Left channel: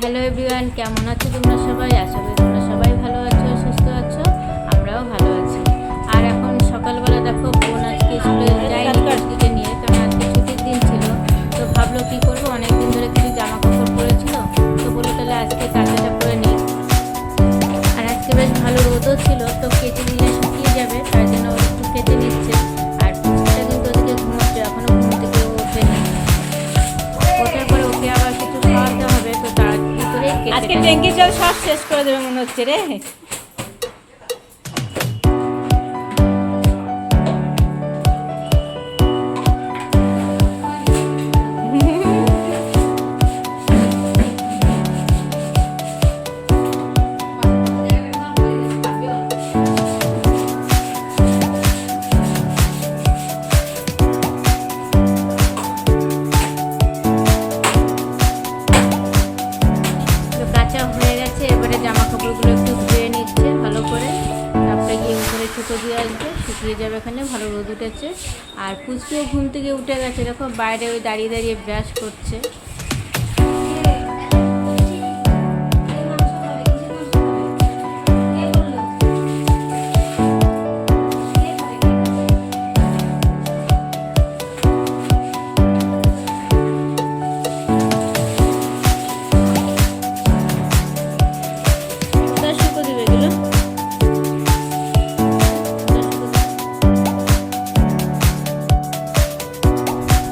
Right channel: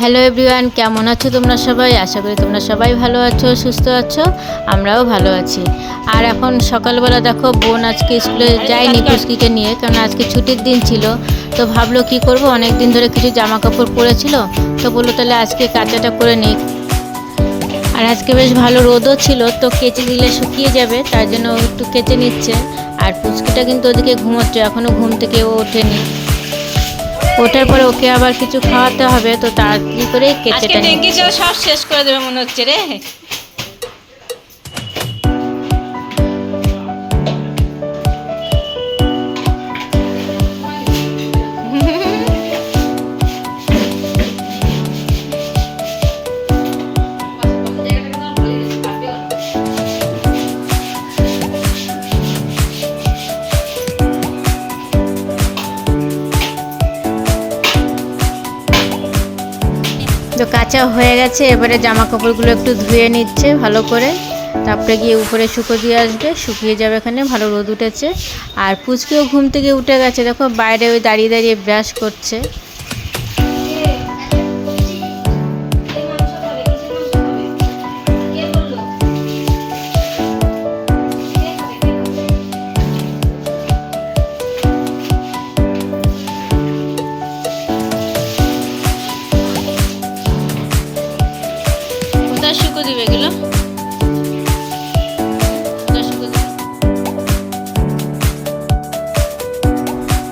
Hello everyone, কেমন আছো তোমরা সবাই? আশা করি তোমরা সবাই ভালো আছো, সুস্থ আছো। আমরাও ভালো আছি। আর এখন সকালবেলা দেখো, বোন আজকে স্কুলে যায়নি পুচকিকে নিয়ে, কারণ আজকে ছুটির দিন ছিল। তো ভাবলো কি করব, অনেক দিন ধরে কিছু জামা কাপড় পরেছিল, তো বললো তাহলে আজকে কাচাটা করে নিই। আর আজকে বেশ ভালো রোদও ছিল, তো কেচে দিলে শুকিয়ে যাবে, তার জন্য একটু কেচে নিচ্ছে। আর পুচকিটা কিন্তু ওদিকে ঘুমোচ্ছে, এখনও ঘুম থেকে ও ওঠেনি। ওঠার পরে ওকে আবার কিছু খাওয়াতে হবে, তো তাড়াতাড়ি করে আজকে কেচেটা ট্যাঙ্কি জল সব শেষ করে দেবে মনে হচ্ছে রে। তো কাঁচা হয়ে গেছে, এবারে জামা কাপড়গুলো একটু ধুয়ে নিচ্ছে ভালো করে, তারপরে গিয়ে উপরে শুকো দিয়ে আসবে, শুকিয়ে যাবে। এখানে ভালো রোদ উঠেছে। আর পুচকিও ঘুম থেকে উঠে গেছে, দেখো বাইরে ওই দাঁড়িয়ে দাঁড়িয়ে ব্রাশ করছে। কোথায় শুকো দিবে এগুলো?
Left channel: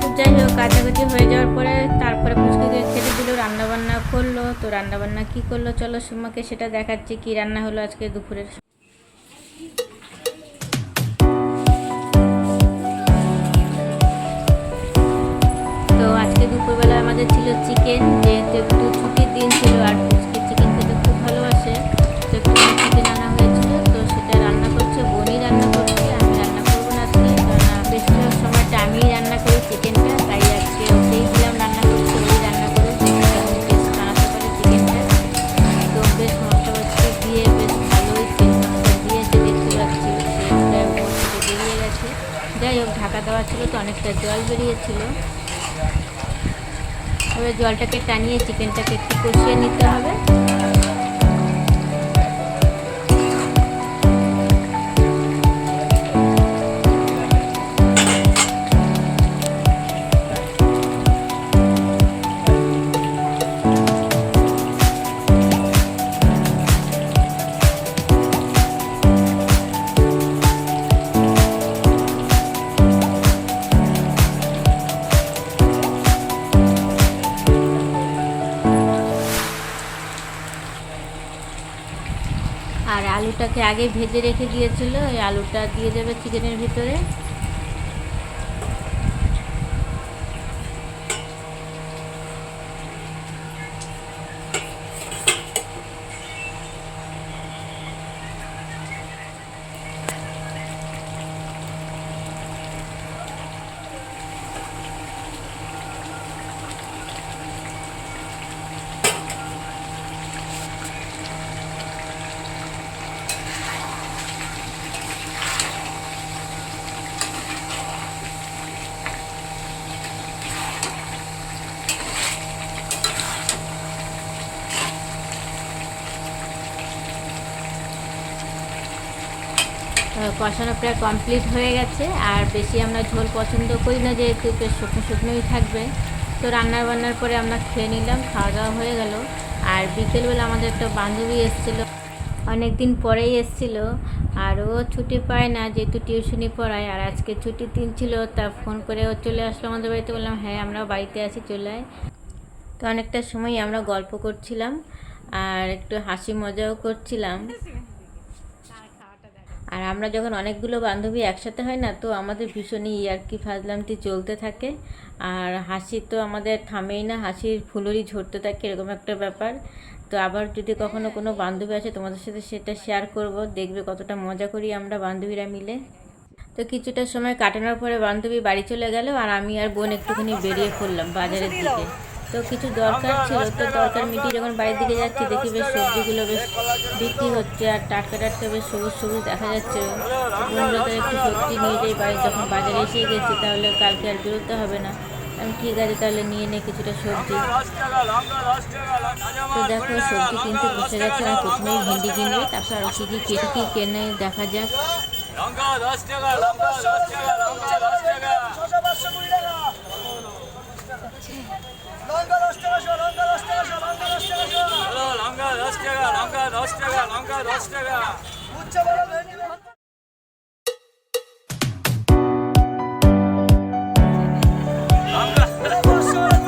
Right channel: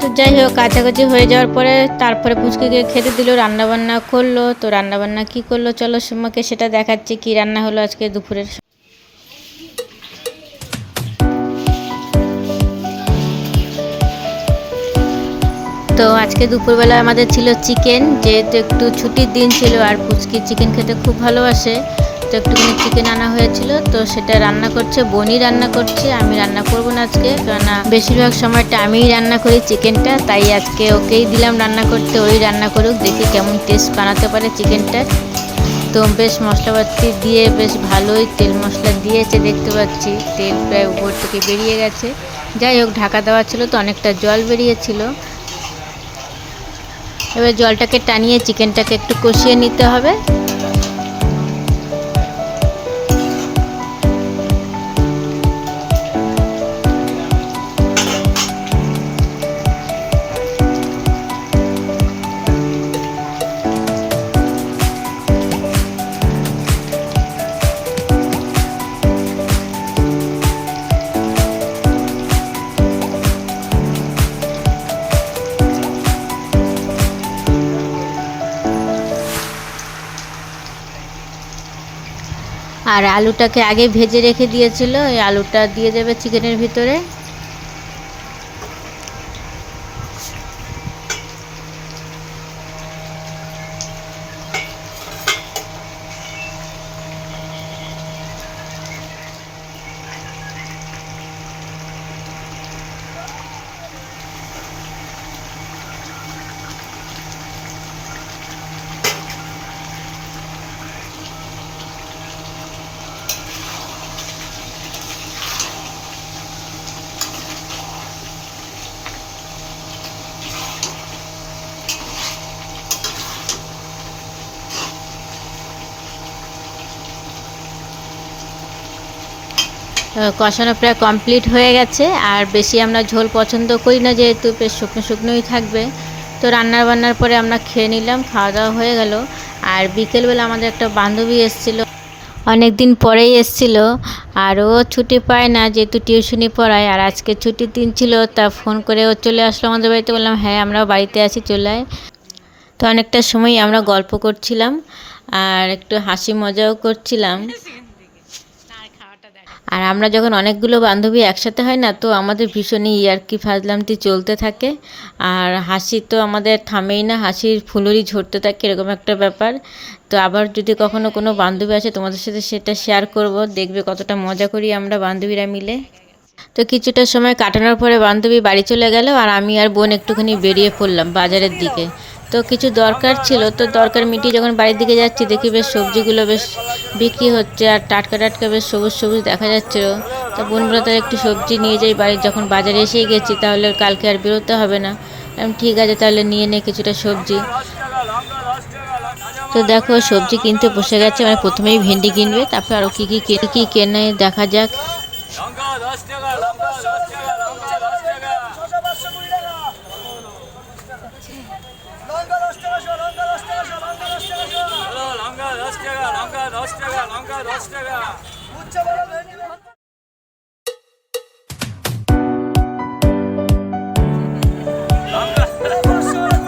তো যাই হোক, কাছাকাছি হয়ে যাওয়ার পরে তারপরে পুচকিকে খেতে দিল, রান্নাবান্না করলো। তো রান্নাবান্না কি করলো চলো সুমাকে সেটা দেখাচ্ছি, কি রান্না হলো আজকে দুপুরের। তো আজকে দুপুরবেলা আমাদের ছিল চিকেন, যেহেতু একটু ছুটির দিন ছিল আর পুচকি চিকেন খেতে খুব ভালোবাসে, তো একটুখানি চিকেন আনা হয়েছিল। তো সেটা রান্না করছে, বোনই রান্না করছে, আমি রান্না করব না আজকে, কারণ বেশিরভাগ সময়টা আমিই রান্না করি চিকেনটা, তাই আজকে ওকেই দিলাম রান্না করতে, ওই রান্না করুক, দেখি কেমন টেস্ট বানাতে পারে চিকেনটা। তো বেশ মশলাপাতি দিয়ে বেশ ভালোই তেল মশলা দিয়েছে, দেখতে পাচ্ছি তেল প্রায় উপর থেকে বেরিয়ে গেছে। যাই হোক, ঢাকা দেওয়া ছিল তো অনেকটা জল বেরিয়েছিল। এবার জলটাকে টানিয়ে চিকেনটাকে একটু কষিয়ে নিতে হবে। আর আলুটাকে আগে ভেজে রেখে দিয়েছিল, এই আলুটা দিয়ে দেবে চিকেনের ভিতরে। কষানো প্রায় কমপ্লিট হয়ে গেছে। আর বেশি আমরা ঝোল পছন্দ করি না, যেহেতু বেশ শুকনো শুকনোই থাকবে। তো রান্নার বান্নার পরে আমরা খেয়ে নিলাম, খাওয়া দাওয়া হয়ে গেল। আর বিকেলবেলা আমাদের একটা বান্ধবী এসেছিল, অনেক দিন পরেই এসেছিল। আর ও ছুটি পায় না, যেহেতু টিউশনি পড়ায়, আর আজকে ছুটির দিন ছিল, তা ফোন করে ও চলে আসলো আমাদের বাড়িতে। বললাম হ্যাঁ আমরাও বাড়িতে আছি, চলে আয়। তো অনেকটা সময় আমরা গল্প করছিলাম আর একটু হাসি মজাও করছিলাম। আর আমরা যখন অনেকগুলো বান্ধবী একসাথে হয় না, তো আমাদের ভীষণই ইয়ার্কি ফাজলামতি চলতে থাকে। আর হাসি তো আমাদের থামেই না, হাসির ফুলুরি ঝরতে থাকে, এরকম একটা ব্যাপার। তো আবার যদি কখনো কোনো বান্ধবী আসে তোমাদের সাথে সেটা শেয়ার করব, দেখবে কতটা মজা করি আমরা বান্ধবীরা মিলে। তো কিছুটা সময় কাটানোর পরে বান্ধবী বাড়ি চলে গেল, আর আমি আর বোন একটুখানি বেরিয়ে পড়লাম বাজারের দিকে। তো কিছু দরকার ছিল, তো দরকার মিটিয়ে যখন বাড়ির দিকে যাচ্ছি, দেখি বেশ সবজিগুলো বেশ বিক্রি হচ্ছে, আর টাটকা টাটকা বেশ সবুজ সবুজ দেখা যাচ্ছিল। তো বোনগুলো তার একটু সবজি নিয়ে যাই বাড়ি, যখন বাজারে এসেই গেছি তাহলে কালকে আর বেরোতে হবে না। আমি ঠিক আছে তাহলে নিয়ে নে কিছুটা সবজি। তো দেখো সবজি কিনতে বসে গেছে, মানে প্রথমেই ভেন্ডি কিনবে, তারপর আরও কী কী কেনে দেখা যাক। লঙ্কা 10 টাকা, লঙ্কা 10 টাকা, লঙ্কা 10 টাকা। শসা 520 টাকা। লঙ্কা 10 টাকা শো, লঙ্কা 10 টাকা শো, লঙ্কা 10 টাকা শো। হ্যালো, লঙ্কা 10 টাকা, লঙ্কা 10 টাকা, লঙ্কা 10 টাকা। উচ্চ বড় ভেন্ডি লঙ্কা 10 টাকা,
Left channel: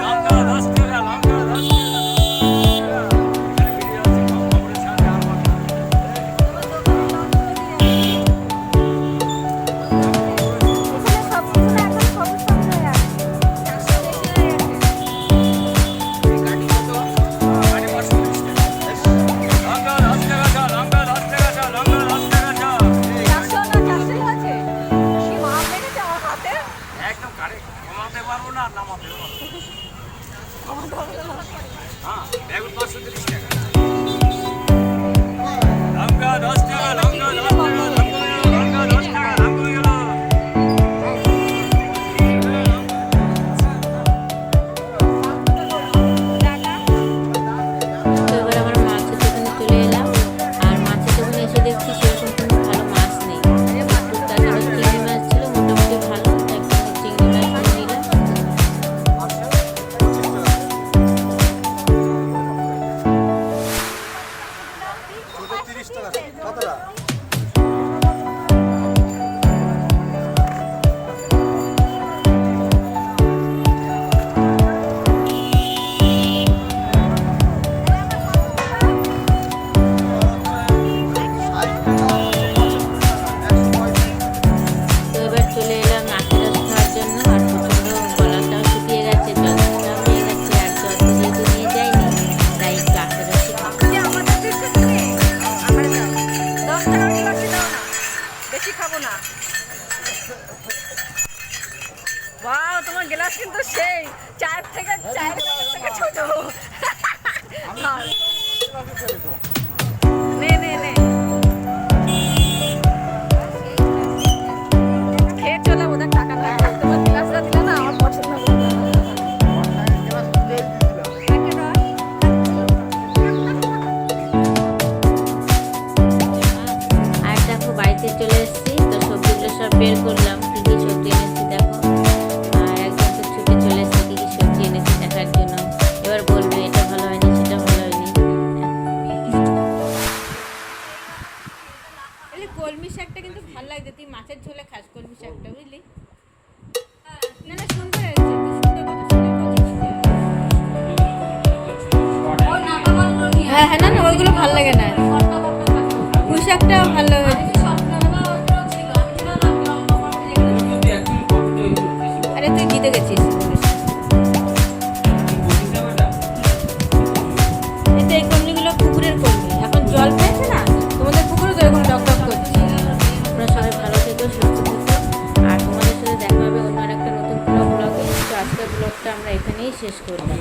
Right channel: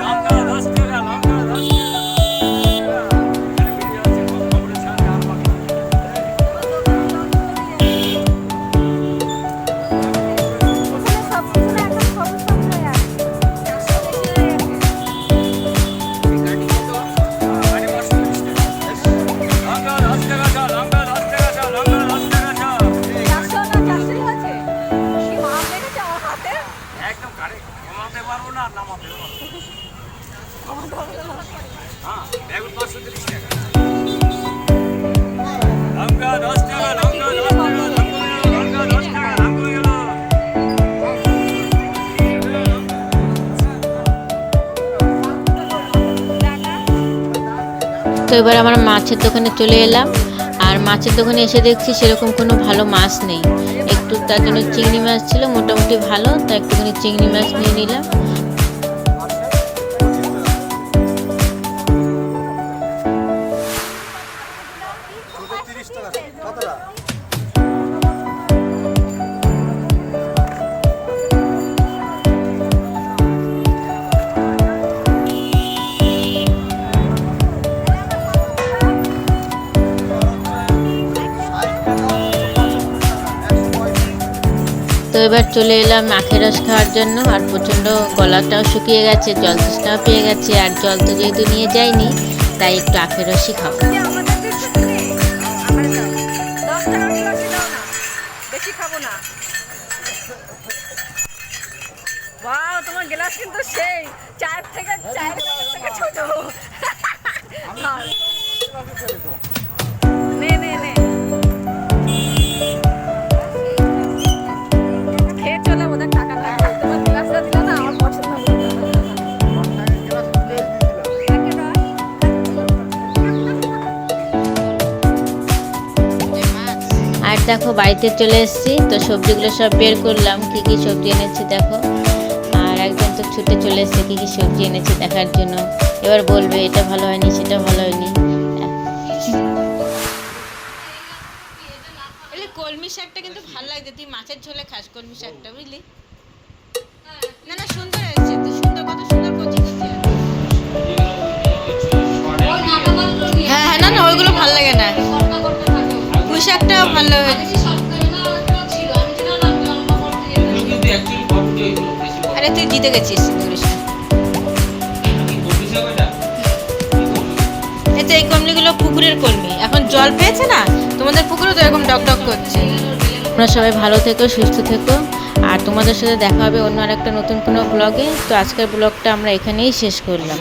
লঙ্কা 10 টাকা। এখানে ভিডিও আছে, খবরের সামনে আর বাকি। গাড়ি 530 টাকা। লঙ্কা 10 টাকা চা, লঙ্কা 10 টাকা চা, লঙ্কা 10 টাকা চা। একদম গাড়ি কমাতে পারবো না, নামাতে পারবো না। হ্যাঁ, বেগুন 530 টাকা। লঙ্কা 10 টাকা, লঙ্কা 10 টাকা, লঙ্কা 10 টাকা, লঙ্কা গেল। তো এবার আমরা মাছের দোকানে চলে এলাম, আর মাছের দোকানে এসে দেখছি সেরকম কোনো ভালো মাছ নেই। একটু তার জন্য চিংড়ি মাছ ছিল মোটামুটি ভালো, তাই একটুখানি চিংড়ি মাছ নিয়ে নিলাম। ছোট 30 টাকা কতটা? তো এবার চলে এলাম আখের রস খাওয়ার জন্য, আর প্রচণ্ড গলাটাও শুকিয়ে গেছে, জল তৃষ্ণাও পেয়ে গেছে, আর জল তো যেহেতু নিয়ে যাইনি তাই একটু আখের রসই খাবো। বেশি খাবো না। ওয়াও, তোমার গ্লাস কিন্তু সেই চায়ের থেকে ছোট। নে নে নে, খেয়ে চলে, ওদের টাকা লাগবে। তোমার গ্লাসটা দিলে না, আমার পছন্দ হলো না। আর দেখো বাড়িতে চলে এসেছি, তো সবজিগুলো সব বের করলাম, কী কী সবজি এনেছি দেখো। আর একদম তো ছুটে চলে এসেছে কী কী সবজি এনেছি দেখার জন্য। এবার বলবে এটা ভালো হয়নি, সেটা ভালো হয়নি। কলমি শাকটা কিন্তু ভালো লাগছে, তুই মাছের ঝোলে খাস কলমি শাকটা, বুঝলি? না না, সুন্দর হয়েছে, তুই সুন্দর, কত সুন্দর করছিস। হ্যাঁ হ্যাঁ, না না, ওইগুলো ভালো লাগে না, পুঁই শাকটা ভালো হয়েছে। আরে তুই জিতে গেছিস। এই তো এই কলমিগুলো পুকুরের কলমি, এখন জল পেয়েছে না, তোমাদের পুকুরে তো এরকম ডক ডক করছে। তোমরা সবাই ভালো থেকো, সুস্থ থেকো, আর তোমাদের সাথে দেখা হবে অন্য আরেকটা নতুন কোনো ব্লগে। তো আজকের ব্লগটা আমরা এখানেই শেষ করলাম।